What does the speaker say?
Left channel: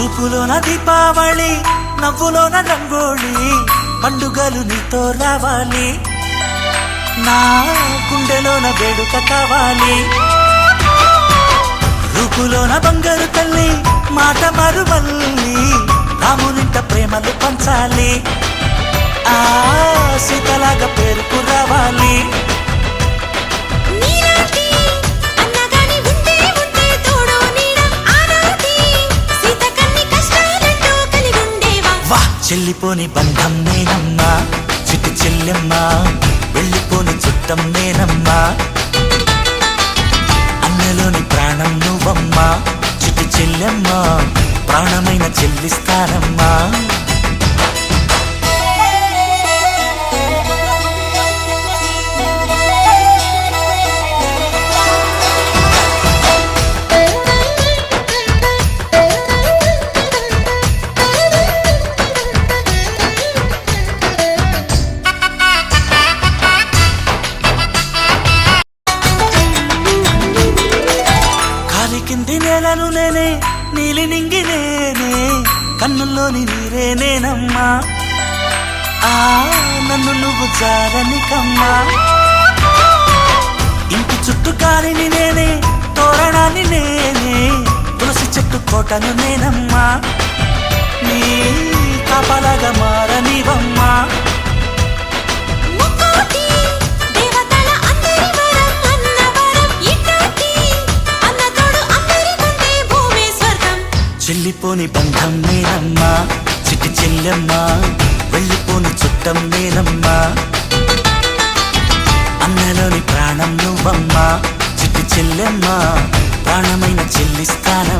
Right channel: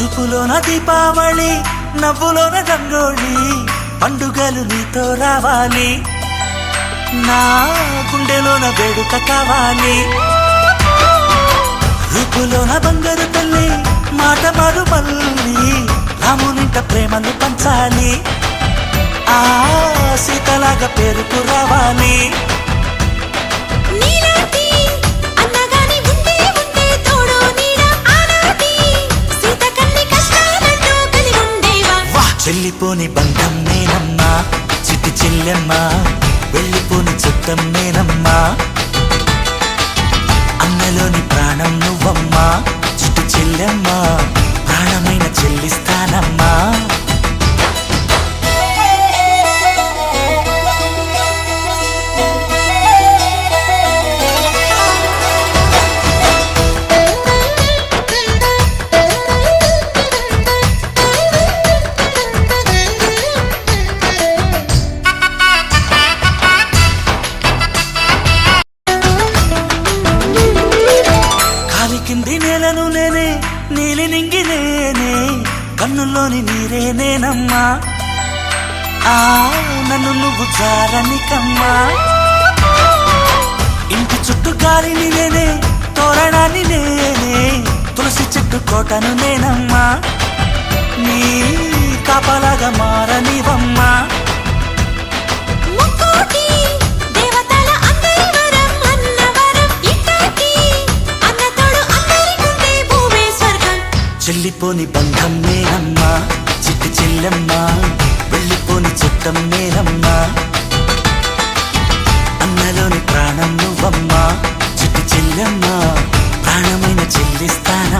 చూపులోన దీపావళి నవ్వులోన రంగోళి పండుగలు నీతో రావాలి నా గుండెలోన వేడుక కావాలి రూపులోన దొంగలు తల్లి మాట పరుమల్లి రామునింట ప్రేమలు పంచాలి ఆ సీతలాగా పేరుకు రావాలి వెళ్ళిపోని బంధం నేనమ్మా చిట్టి చెల్లెమ్మ వెళ్ళిపోని చుట్టం నేనమ్మా అన్నలోని ప్రాణం నువ్వమ్మా చిట్టి చెల్లెమ్మ ప్రాణమైన చెల్లిస్తానమ్మా నేలను నేనే నీలి నింగి నేనే కన్నుల్లోని నీరే నేనమ్మా ఆ నన్ను నువ్వు జారనికమ్మా ఇంటి చుట్టూ కాలిని నేనే తోరణాన్ని నేనే తులసి చెట్టు కోటను నేనమ్మా నీ కాపలాగా మారనివమ్మా చెల్లిపోని బంధం నేనమ్మా చిట్టి చెల్లెమ్మ వెళ్ళిపోని చుట్టం నేనమ్మా అన్నలోని ప్రాణం నువ్వమ్మా చిట్టి చెల్లెమ్మ ప్రాణమైన చెల్లిస్తానమ్మా